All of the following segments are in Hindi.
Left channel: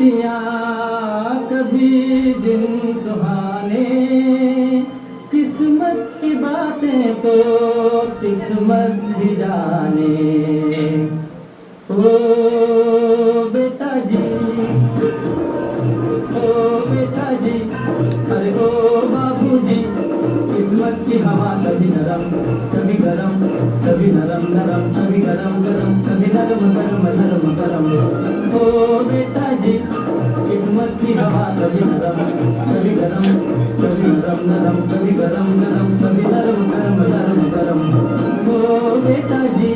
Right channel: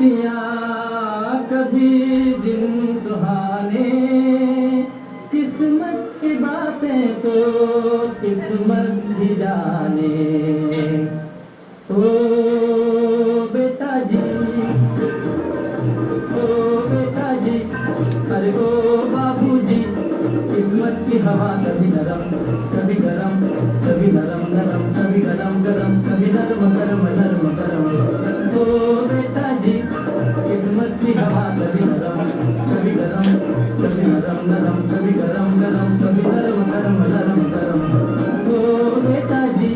रतियाँ कभी दिन सुहाने, किस्मत की बातें तो किस्मत भी जाने। ओ बेटा जी, ओ बेटा जी, अरे ओ बाबूजी, किस्मत की हवा कभी नरम कभी गरम, कभी नरम नरम कभी गरम गरम, कभी नरम गरम नरम गरम। ओ बेटा जी, किस्मत की हवा कभी नरम कभी गरम, कभी नरम नरम कभी गरम गरम, कभी नरम गरम नरम गरम। ओ बेटा जी।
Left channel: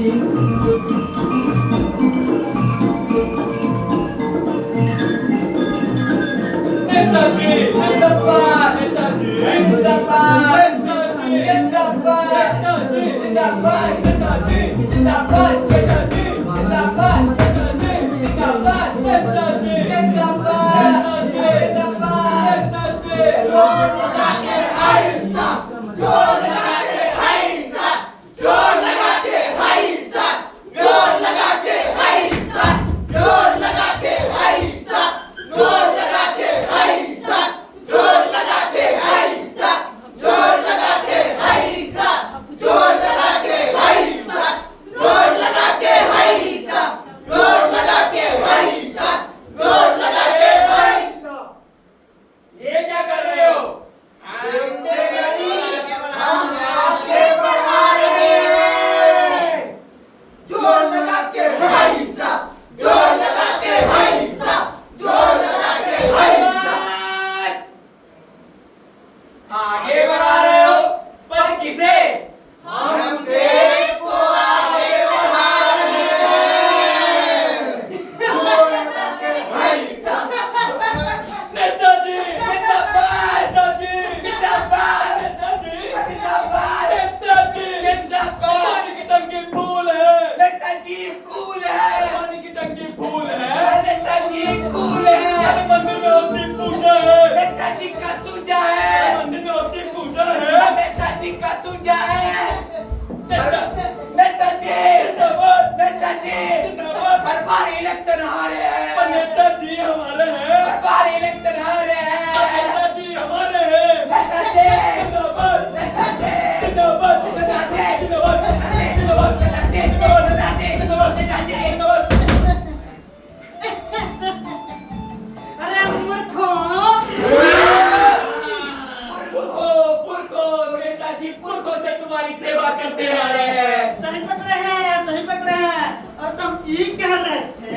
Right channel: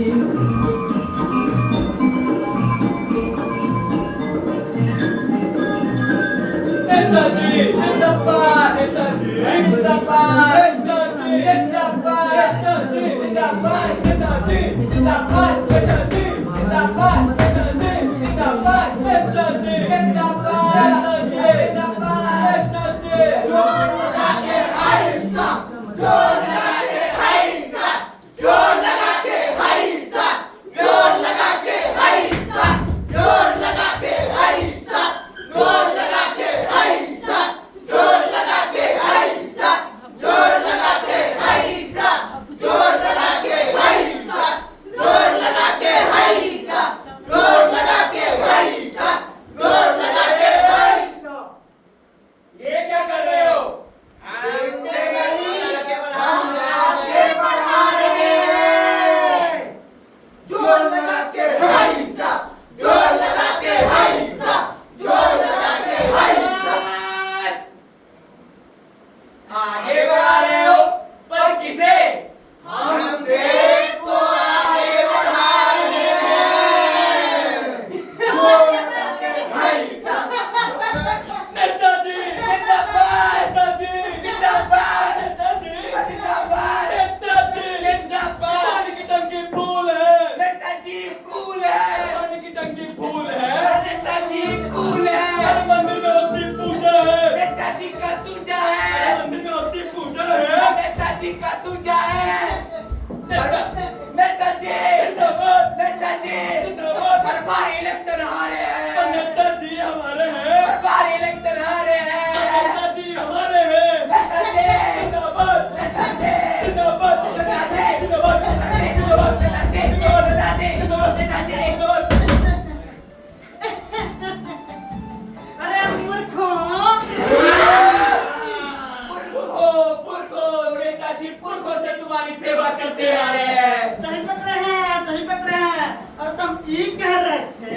नेताजी जिंदाबाद, नेताजी जिंदाबाद, नेताजी जिंदाबाद, नेताजी जिंदाबाद, नेताजी जिंदाबाद, नेताजी जिंदाबाद, नेताजी जिंदाबाद, नेताजी जिंदाबाद, नेताजी जिंदाबाद, नेताजी। जोर लगा के हाय साहब, जोर लगा के हाय साहब, जोर लगा के हाय साहब, जोर लगा के हाय साहब, जोर लगा के हाय साहब, जोर लगा के हाय साहब, जोर लगा के हाय साहब, जोर लगा के हाय साहब, जोर लगा के हाय साहब, जोर लगा के हाय साहब, जोर लगा के हाय साहब, जोर लगा के हाय साहब। ये क्या कर रहे हो? हम आगे बढ़ा रहे हैं। जोर लगा के हाय साहब, जोर लगा के हाय साहब, जोर लगा के हाय साहब। आगे बढ़ा रहे हो, पर किसे? हम देश को आगे बढ़ा रहे हैं। जोर लगा के हाय साहब। नेताजी जिंदाबाद, नेताजी जिंदाबाद, नेताजी जिंदाबाद, नेताजी जिंदाबाद। पानी की टंकी फूल है, नेताजी कूल है, पानी की टंकी फूल है, नेताजी कूल है। मंदिर में होती पूजा है, नेताजी का सूजा है, मंदिर में होती पूजा है, नेताजी का सूजा है। नेताजी जिंदाबाद, नेताजी जिंदाबाद। हर बार इलेक्शन हारे हैं, पर नेताजी हमारे हैं। हर बार इलेक्शन हारे हैं, नेताजी हमारे हैं। नेताजी जिंदाबाद, नेताजी जिंदाबाद, नेताजी जिंदाबाद, नेताजी जिंदाबाद, नेताजी जिंदाबाद, नेताजी जिंदाबाद, नेताजी जिंदाबाद। अरे मूर्खों, पुरखों, नेताजी पुरखों से तुम्हारी सेवा करते आ रहे हैं। सही पकड़े हैं, सही पकड़े हैं। और तुम ये कह रहे थे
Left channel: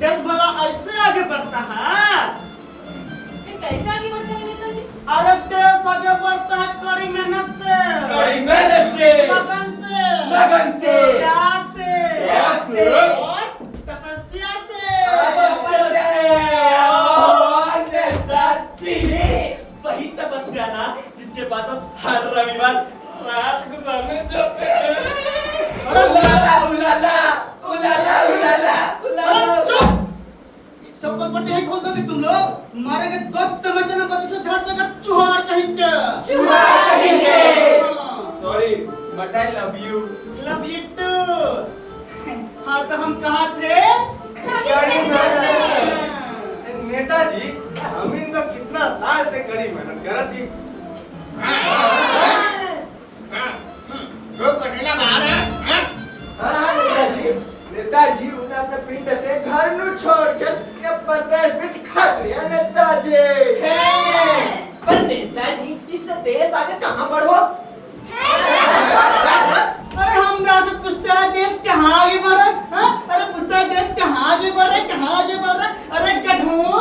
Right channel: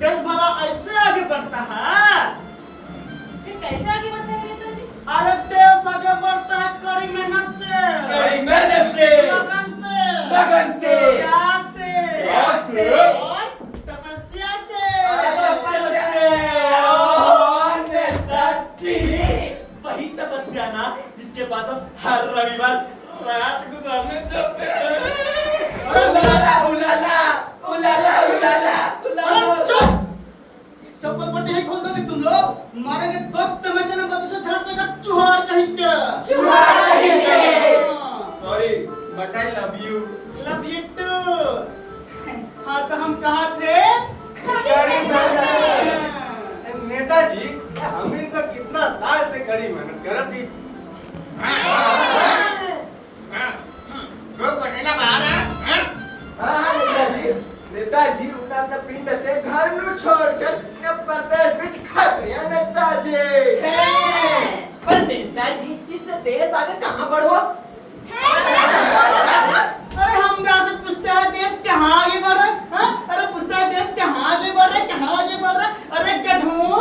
देश भला ऐसे आगे बढ़ता है। फिर कैसे आगे बढ़ते हैं नेताजी? अरे देश आगे बढ़ता है कड़ी मेहनत से, कड़ी मेहनत से, लगन से, लगन से, त्याग से, त्याग से, और तपस्या से। और नेताजी वही तपस्या ना जिसके पास हम हर रविवार रात गुजारने जाते हैं। उलाला उलाला उलाला उलाला अरे उलाला। चुप! सब पट्टी ही खोल दोगे तुम लोग, मारेंगे दो तमाचे ना बदू से धड़ जगह चुहार कहेंगे। चुहार कहेंगे। Sorry but I love you. Love you too. हाँ तो हम कहाँ थे? कड़ी मेहनत। नेताजी हम इन तो कितना साल से कड़ी मेहनत करत थी। हाँ नेताजी, नेताजी उन्हें अपने पिंड ते घर नु छोड़ के अपने प्रदेश विच खड़ रहे हैं नेताजी। पर नेताजी इससे देश आगे कहाँ बढ़ो? अरे हम से पूछते हैं देश कहाँ आगे बढ़ रहा है? हाँ? अरे पूछते हैं देश कहाँ आगे बढ़ रहा है, कहाँ आगे बढ़ रहा है? अरे गधों!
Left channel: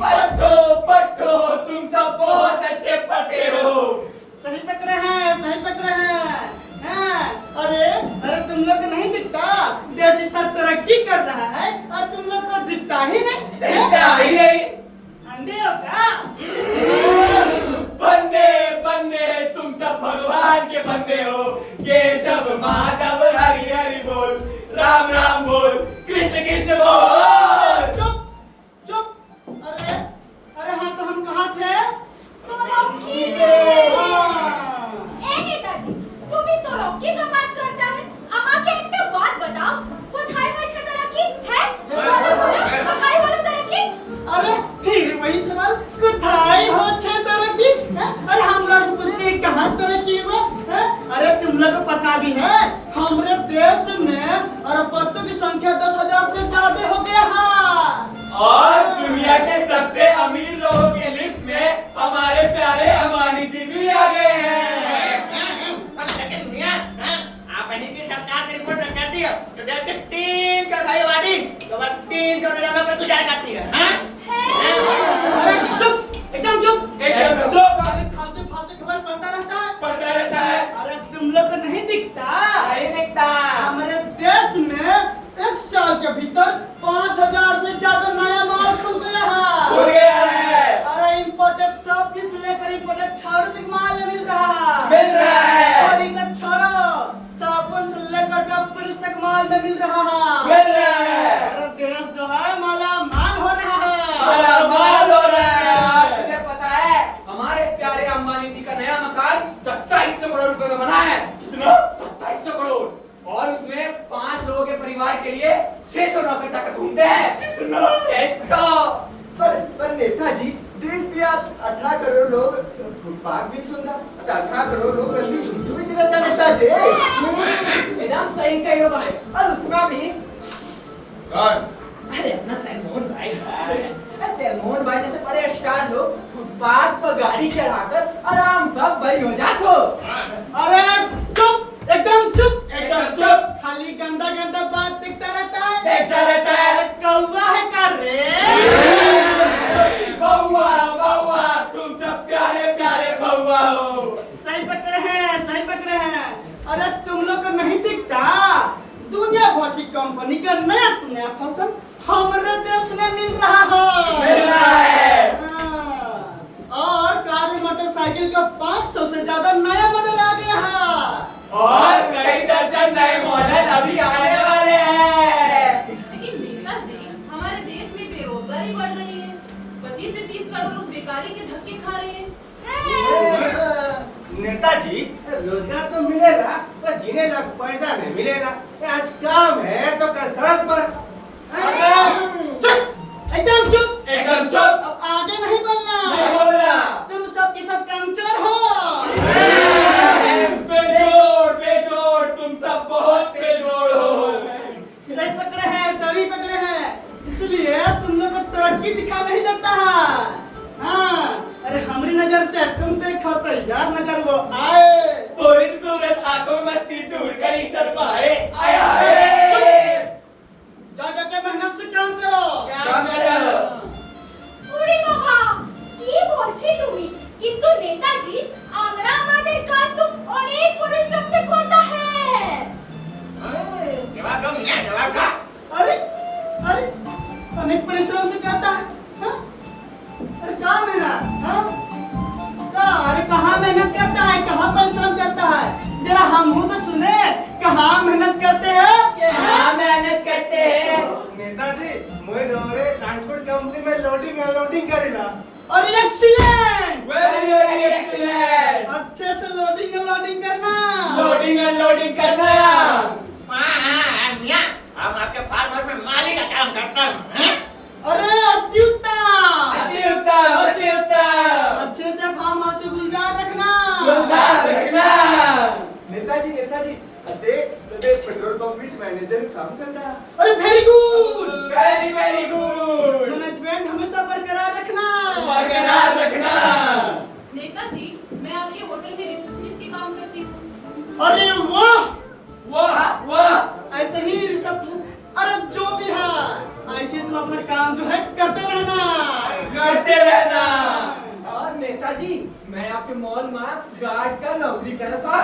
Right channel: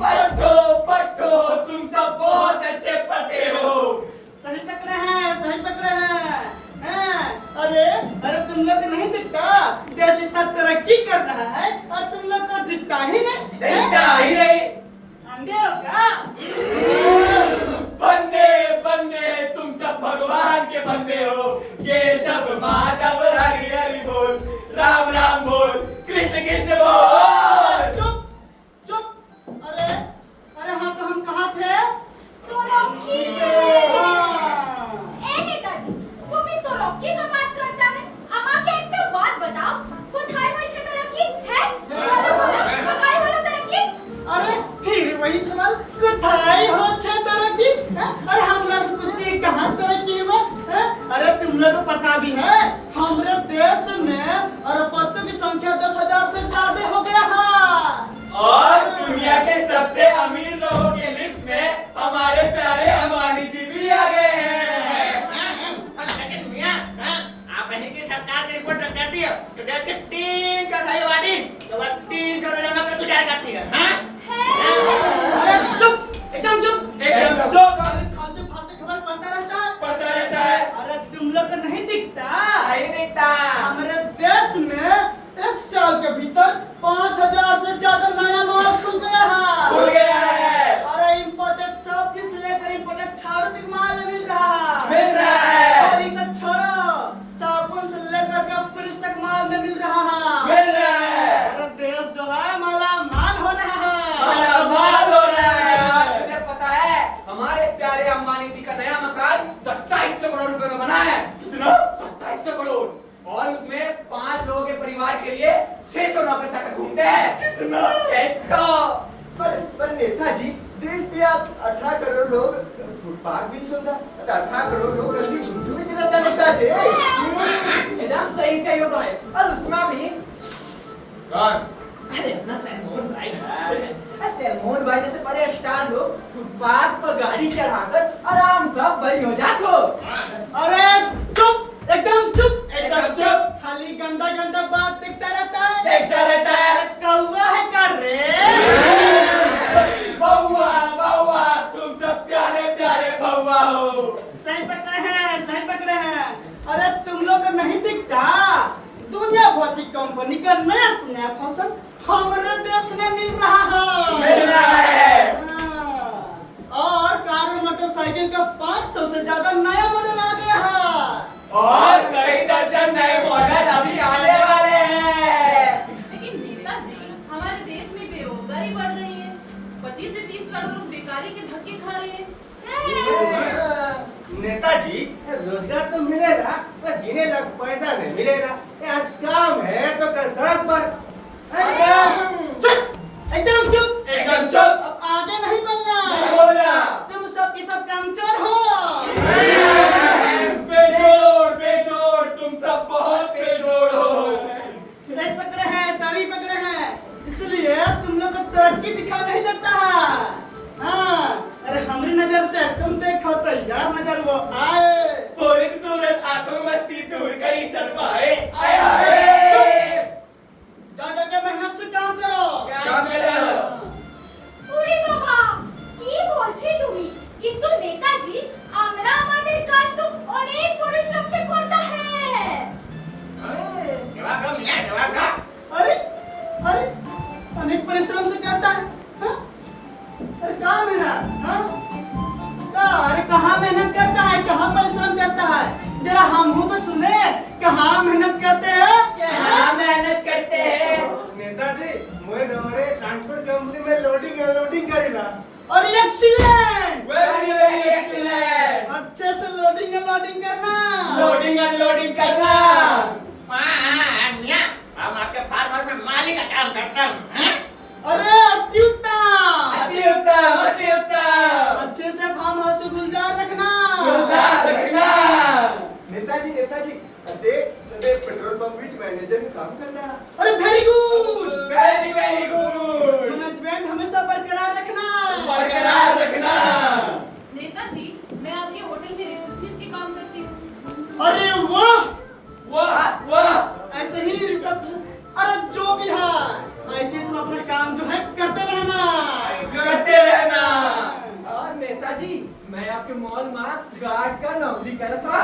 पट्टो पट्टो तुम सब बहुत अच्छे पढ़ते हो। सही पकड़े हैं, सही पकड़े हैं। हाँ? अरे तुम लोग को नहीं दिखता देश इतना तरक्की कर रहा है और तुम लोग को दिखता ही नहीं। दिखता ही नहीं। अंधे हो क्या? बंदे बंदे तुम सब भगवान के बंदे हो। केशव माधव हरि हरि बोल, राम राम बोल, कृष्ण कृष्ण बोल। चुप चुप। अरे हाँ तो हम कहाँ थे? तो रॉकी में। हाँ। ए नेताजी, तुम भी तो रॉकी का बात करता है। अम्मा के एक बात बताओ, कोথায় হয়েছে তো রকি? है? কোথায় और दुनिया के सबसे अमीर लोगों की लिस्ट में हमारे प्यारे अंबानी जी भी आ गए हैं। लेकिन मियां, आप ही की सरकार की रिपोर्ट कहती है कि देश के 3/4 आबादी केवल 3/4 जगह पर गुजारा करती है। अरे चुप, एकदम चुप। एकदम चुप। फालतू फालतू खबर पढ़ता रहता है। पढ़ता रहता है। अरे तुम लोग को नहीं दिखता? नहीं दिखता। हमारे देश में 1 साल के भीतर 5000 से ज्यादा नया माल खुल गया है। खुल गया है। अरे इम्पोर्टेड सब से लेकर इम्पोर्टेड छाड़ू तक माल मिल रहा है। मिल रहा है। और इधर छोड़ो, साबुन से लेकर के फ्रिज तक माल में मिल रहा है। मिल रहा है। अरे देश जो है माला माल हो रहा है। माला माल हो रहा है। और तुझे पता है हमारे प्यारे अंबानी जी का नया मकान 2700 करोड़ रुपए में बना है। कितना? 2700 करोड़। और उसमें 5 लोगों के परिवार के लिए 600 नौकर चाकर घूमते हैं। कितना? 600। पर नेताजी देश के 18 करोड़ लोग फुटपाथ भी सुंदर 18 करोड़ लोग गंदी झुंझुन भी रहता नेताजी। एकदम सही कही हो भाई। और उसमें भी कौन? अरे अपना सलमान भाई है। सलमान भाई जैसे बड़े स्टार लोग फुटपाथ पर गाड़ी चढ़ाकर आराम सब बड़ी हो जाते हो। अरे चुप, एकदम चुप। एकदम चुप। खाली गंदा गंदा बात दिखता रहता है। देखता रहता है। अरे कौवा है कर रे। बउआ बउआ तुम सब प्यारे प्यारे बउआ हो। सही पकड़े हैं, सही पकड़े हैं। अरे तुम लोग को नहीं दिखता? दुनिया भर की कंपनी का नया नया फैशन हमारे देश में मिल रहा है। मिल रहा है। और कार और मोटरसाइकिल का 500 से ज्यादा नया मॉडल आ गया है। और कई दर्जन नए मॉडल अभी आने वाले हैं। लेकिन नेताजी, हमारे देश में बेरोजगारी बढ़ रही है। 25 से 30 करोड़ लोग बेकारी के धक्के खा रहे हैं। नेताजी, रोजगार तो मिलेगा पर जीने का पैसा नहीं मिलेगा। आज काम है तो कल सड़क पर। चुप, एकदम चुप। एकदम चुप। अब आगे नहीं बोलना। नहीं बोलना। तुम सब की सब कामचोर हो। बेजोड़ बेजोड़ तुम सब बहुत बेजोड़ हो। सही पकड़े हैं, सही पकड़े हैं। इसलिए तुम लोग को तरक्की दिखा नहीं देता है। हाँ, अरे हमारी नजर से तुम देखो तो यार नजर वो आए। पूरी सूरत आंखों में मस्ती दूर करी शर्माए। आया चुप। है। जा जाके मेहनत से काम करो। काम करो। ওরে বাবা, কি বলছি তুমি? কিন্তু নেতাজি, আমরা আমাদের কাজ তো অনেক পরিশ্রম से करता है। जवाब दो मियां, जवाब दो। अरे अरे अनेक परिश्रम से करता है। हाँ? अरे कहाँ मेहनत? हाँ? अरे कहाँ मेहनत करता है, कहाँ परिश्रम करता है? जरा हम हूँ तो सुने, कहाँ मेहनत करते हैं? क्या मेहनत करते हैं? नेताजी, मैं नवरे ट्रांसपोर्ट कंपनी में लोडिंग अनलोडिंग करेला। और एक्सीलेंट, वेरी एक्सीलेंट। अच्छे से लोडिंग अनलोडिंग करना। लोडिंग अनलोडिंग करना। मियां, हम आपके फार्म में माली का काम करता हूँ। अरे अति उत्तम, अति उत्तम अति उत्तम। अच्छे से फार्म हाउस को गुलजार रखना। गुलजार रखना। नेताजी नेताजी देख पेट्रोल पंप बीच मैनेजर काम करना। अरे very good. Very good. Management हमेशा बरकरार रखना। बरकरार रखना। नेताजी, मैं आपके होटल में रिसेप्शनिस्ट के काम करती हूँ। अरे वाह, वाह वाह। ऐसे ही रिसेप्शन, अरे जो भी है ऐसे तुम अपना काम जो है करते रहना। करते रहना। और नेताजी, मैं आपके मॉल में गार्ड का नौकरी कर था।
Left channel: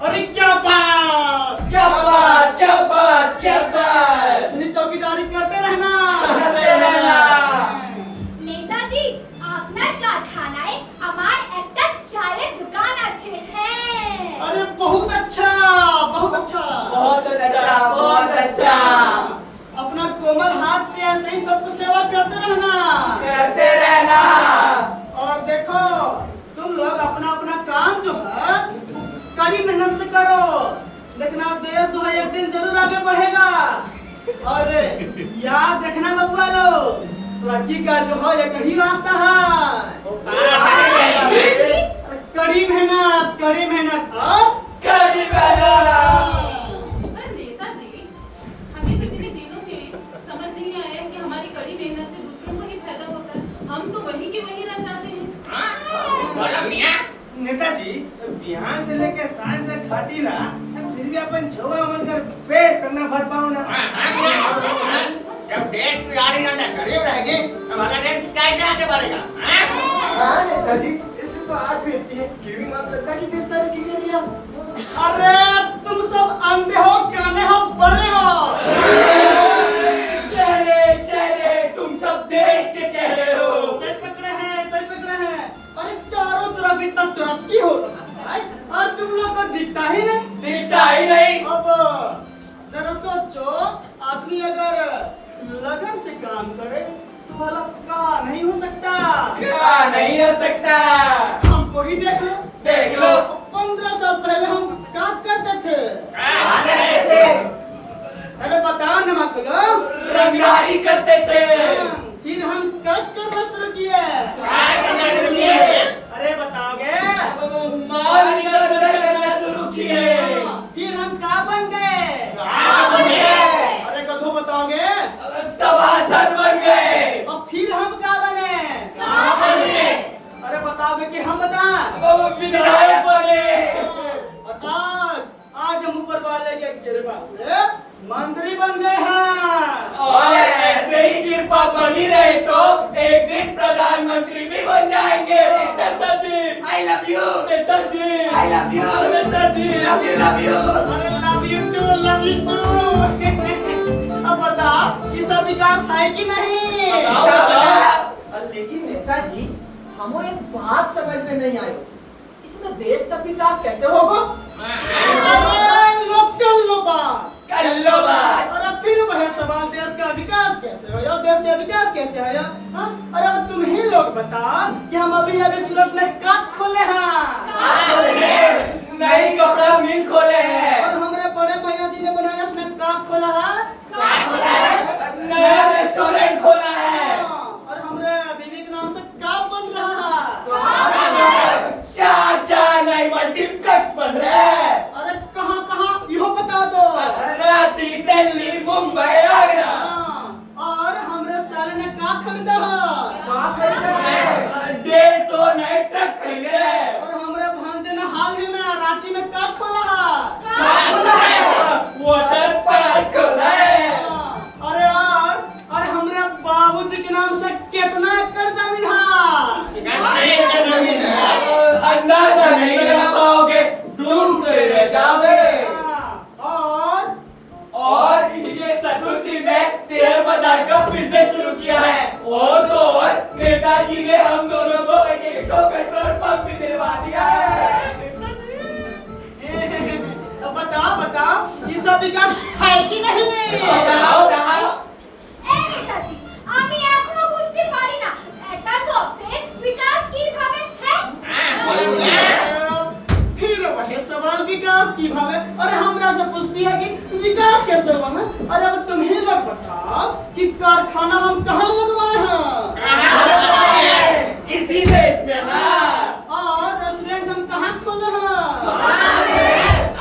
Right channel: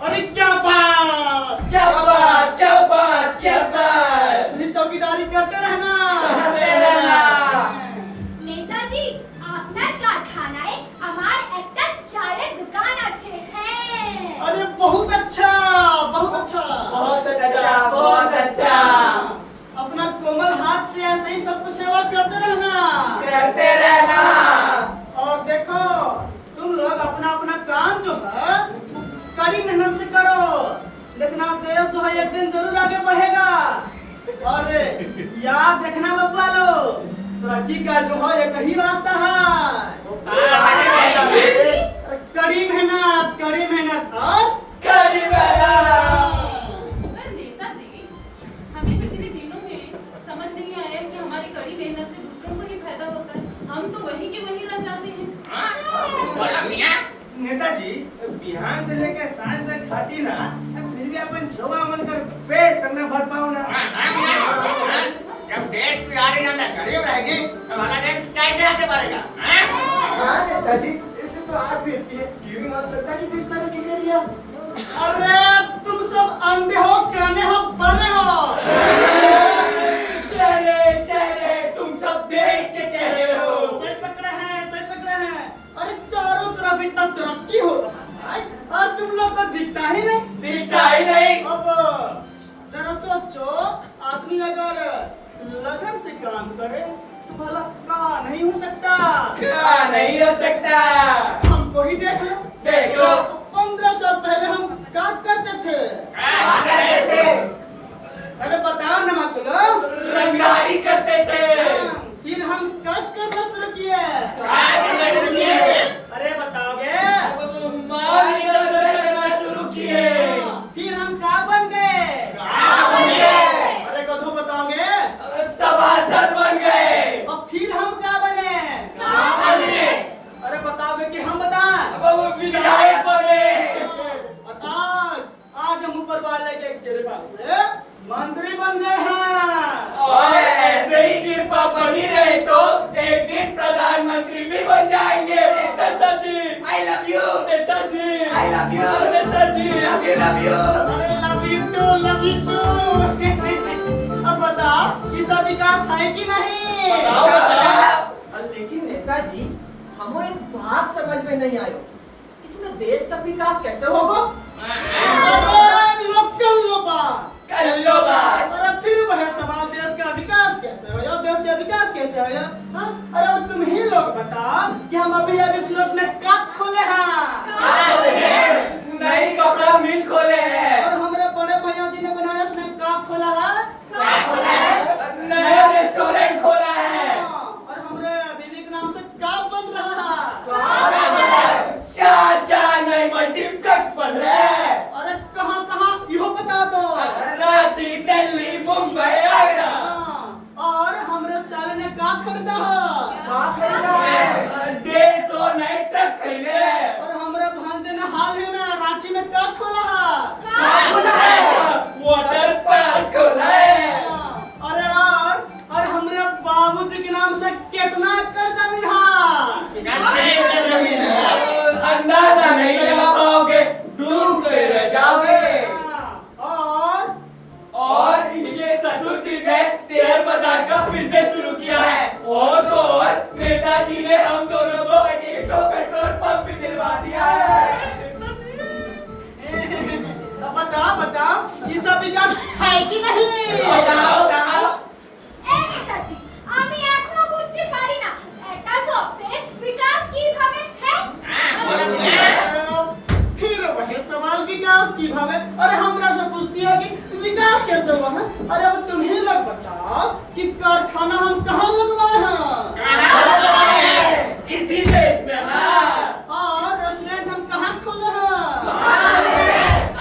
अरे क्या बात, क्या बात क्या बात क्या बात। ऐसे ही चौकीदारी करते रहना। करते रहना। নেতাজি, আপনার কারখানায় আমার একটা চায়ের দোকান আছে। হ্যাঁ। अरे बहुत अच्छा, बहुत अच्छा। बहुत अच्छा बहुत अच्छा। अपना कोमल हाथ से ऐसे ही सबको सेवा करते रहना। करते रहना। और देखो, तुम लोग अपना अपना काम जो है कड़ी मेहनत से करो। देखना देश जो है एक दिन जरूर आगे बढ़ेगा। और याद रखना बबुआ लो, तरक्की का जो है एक ही रास्ता है। कड़ी मेहनत, कड़ी मेहनत और कड़ी मेहनत। पर नेताजी, हमें तो इतने दिनों में समझ नहीं आया कि हमारी कड़ी मेहनत से होती ना फिर भी अपन जोगा मन कर पेट करना भर पाऊं ना। जब देश बिगाड़ी ना गरीब रहेगी तो हमारा देश कैसे आगे बढ़ेगा? हाँ नेताजी, इससे तो आज भी इतनी है कि भी मान सकता कि देश तरक्की कर लिया। अरे तुम सब अंधे हो, काने हो, बड़े हो। चेहरे तुम सब देश के चेहरे हो। सही पकड़े हैं। अरे चारों तरफ इतना तरक्की हो रहा है और तुम लोग को दिखता ही नहीं। अब जरा सोचो, आदमी अगर लगन से काम करे तो भला क्या नहीं हो सकता। हमको ही देख लो। 15 साल पहले हम काम करते थे। अरे बताओ ना मत लोग। रंगराही करते थे। फिर हम क्या करना शुरू किए? अरे बताओगे? माल इधर-उधर करना शुरू किए। फिर हम क्या बन गए? अरे कथो बताओगे? सभासद बन गए। और फिर हम क्या बने? अरे बताओगे कि हम बता? विधायक बने। और आज हम ऊपर वाले के कृपा से मंत्री बन गए हैं। और ऐसे ही कृपा बनी रहे तो एक दिन प्रधानमंत्री भी बन जाएंगे। नेताजी आई love you. Netaji I love you. Netaji love you. अरे लव यू टू। अब बता कि सब विकास है कि नहीं? लेकिन नेताजी, हमें एक बात समझ में नहीं आई, इसमें देश का विकास कैसे होगा? अरे लोकल बात कर लो बात। और अब फिर वह सवाल, देश का विकास कैसे हो? देश का विकास कैसे हो? हाँ? अरे अब तुम ही लोग बता कि हम अभी सूरत में काट खोले हैं। नई कपड़ा मिल खोले हैं। और हमारे बड़े भैया जी ने बनारस में काट खोला है। नया रेस्टोरेंट खोला है। और हमारे बीवी के नाम से काप बन रहा है। चार नए मल्टीप्लेक्स बन रहे हैं। अरे कहाँ यो बताओ तो। रांची, दिल्ली, मुंबई, आगरा। और हमरे साल ने का खरीदा है? 150 नए ट्रक खरीदे हैं। और हमारे भांजे ने हाल ही में रांची में का खोला वाटर पार्क खोला है। अरे और हमारे बाबूजी के नाम से कितना एकड़ जमीन है? अंदाजा नहीं लगा पाओगे, ढूंढते रह जाओगे। और इनके ससुर जी ने शेयर बाजार का बिजनेस शुरू किया है। और तो और नेताजी ने हम दोनों को एक पेट्रोल पंप भी दिलवा दिया है। बताओ ये सब विकास है कि नहीं? बताओ। এই নেতাজি, আমি এখনো বুঝতে পারি না এটা সবচেয়ে বিকাশ কিভাবে फिर वही सवाल विकास की भावे। अरे हमरा से पूछती है कि विकास कैसे हुआ है? अरे अब तुम ही लोग बताओ कि कारखाना हम कहाँ लगवाए हैं? इसी देश में ना। और रेस्टोरेंट हम कहाँ खोले हैं?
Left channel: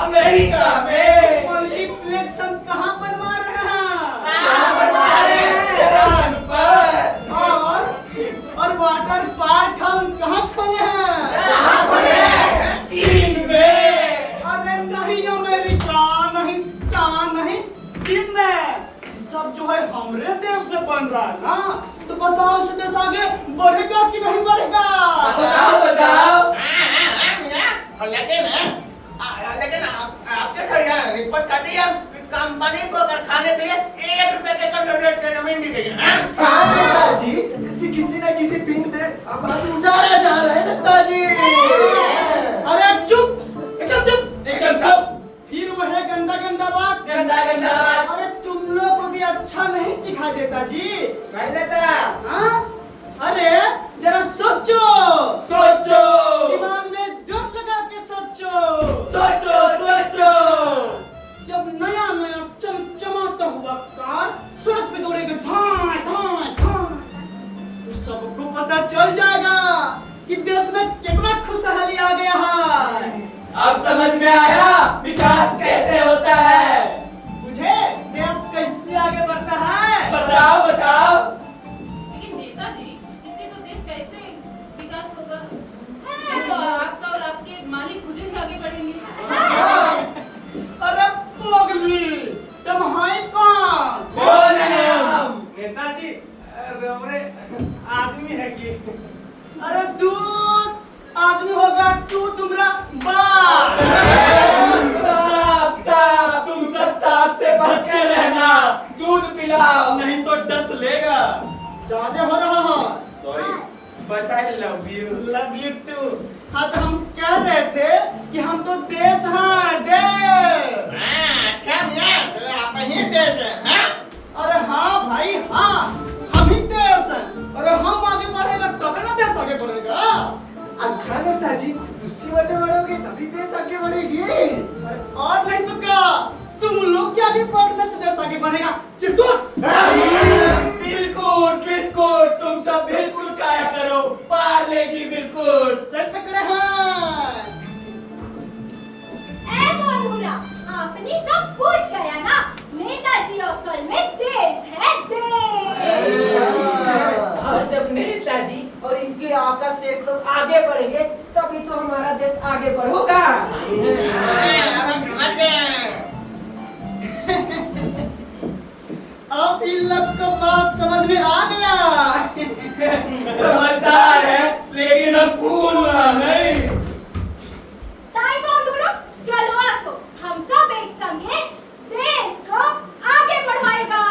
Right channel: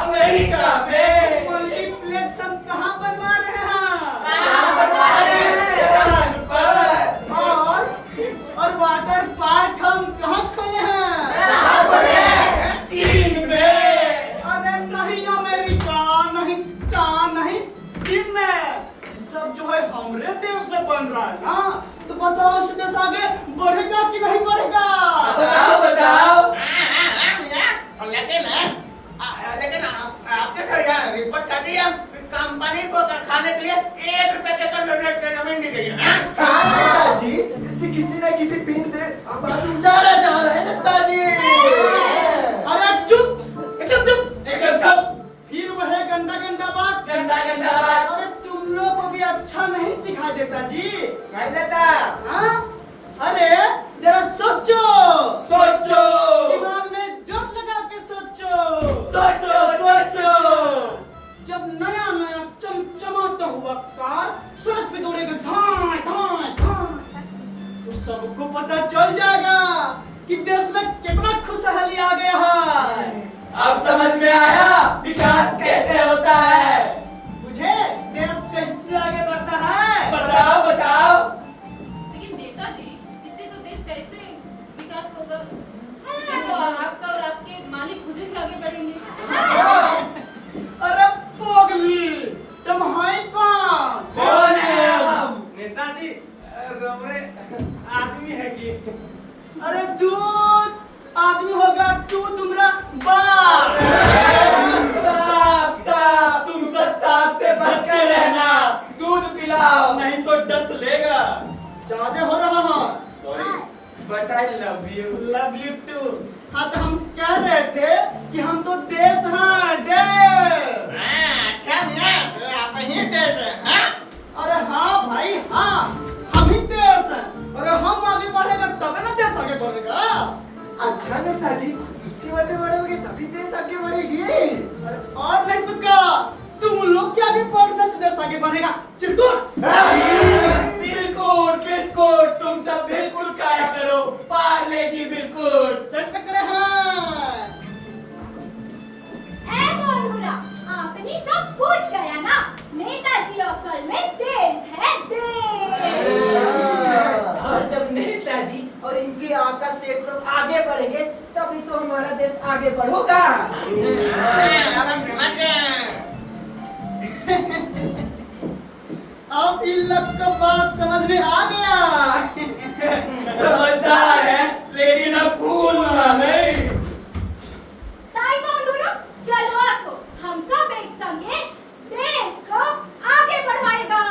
अमेरिका में। मल्टीप्लेक्स हम कहाँ बनवा रहे हैं? चांद पर। और वाटर पार्क हम कहाँ खोले हैं? चीन में। अरे नहीं अमेरिका, नहीं चांद, नहीं चीन में। ये सब जो है हमारे देश में बन रहा है ना, तो बताओ इस देश आगे बढ़ेगा कि नहीं बढ़ेगा? बताओ। लेकिन आपके घर यहाँ रिपोर्ट कर दिया कंपनी को कारखाने के लिए 1 रुपए के करोड़ जमीन दी गई है। हाँ नेताजी, किसी न किसी पिंड पे आबादी उजाड़ा जा रहा है नेताजी। अरे चुप, एकदम चुप। फिर वह गंदा बात। अरे तुम लोग को भी अच्छा नहीं दिखाई देता जी? नहीं देता। हाँ? अरे जरा सोचो। दिमाग में जोर लगा के सोचो। जब नया चमचमाता हुआ कार सड़क पे दौड़ेगा धाय तो सबको पता चल जाएगा कि देश में कितना खुशहाली आ गया है। अब समझ में आया विकास कैसे होता है। मुझे देश कैसे आगे बढ़ता है? बताओ। लेकिन नेताजी, इससे तो देश कैसे विकास होगा? इससे तो आपका और आपके मालिक खुद ही आगे बढ़ेंगे। अरे दूध आदमी होगा तू तुम्हारा बाप। साहब साहब तुम सब सांप से बच कर रहना, दूध पिलाओ नहीं तो डस लेगा। ज्यादा हो रहा है। Sorry but I love you. Love you too. हाँ तो हम कह रहे थे कि हम तो देश हैं, देश। अरे हाँ भाई हाँ, हम ही देश हैं। अरे हम आगे बढ़ेगा तब ना देश आगे बढ़ेगा। अच्छा नेताजी, दूसरी बातें बढ़ोगे तभी देश आगे बढ़ेगी। अरे और नहीं तो क्या, तुम लोग के आगे बढ़ने से देश आगे बढ़ेगा। चिरकुट बिस्कुट बिस्कुट तुम सब बिस्कुट खाया करो, पार्ले जी बिस्कुट। से पकड़े हैं। ए मोनूरा, आपने सब पूछ गया ना, नेताजी असल में देश है, देश। और जब नेताजी और इनके आका शेख लोग आगे बढ़ेंगे तभी तो हमारा देश आगे बढ़ेगा। अब इन लोग को बात समझ में आ गया। समझदार है लेकिन अब भूलना नहीं। ताई मोनूरा, चलो आसो, हम सब एक संगे देश को आगे बढ़ाएगा।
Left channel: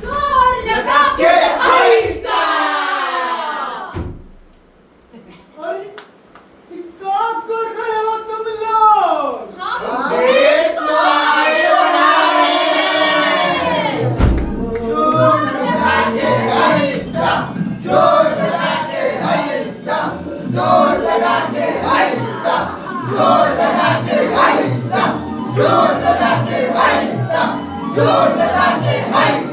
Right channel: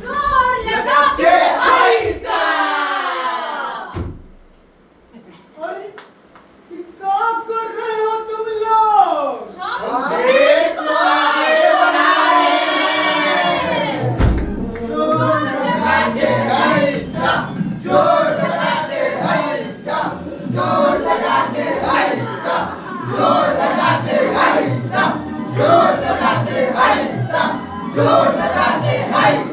जोर लगा के ऐसा। अरे क्या कर रहे हो तुम लोग? हम देश को आगे बढ़ा जोर लगा के ऐसा, जोर लगा के ऐसा, जोर लगा के ऐसा, जोर लगा के ऐसा, जोर लगा के ऐसा, जोर लगा के ऐसा।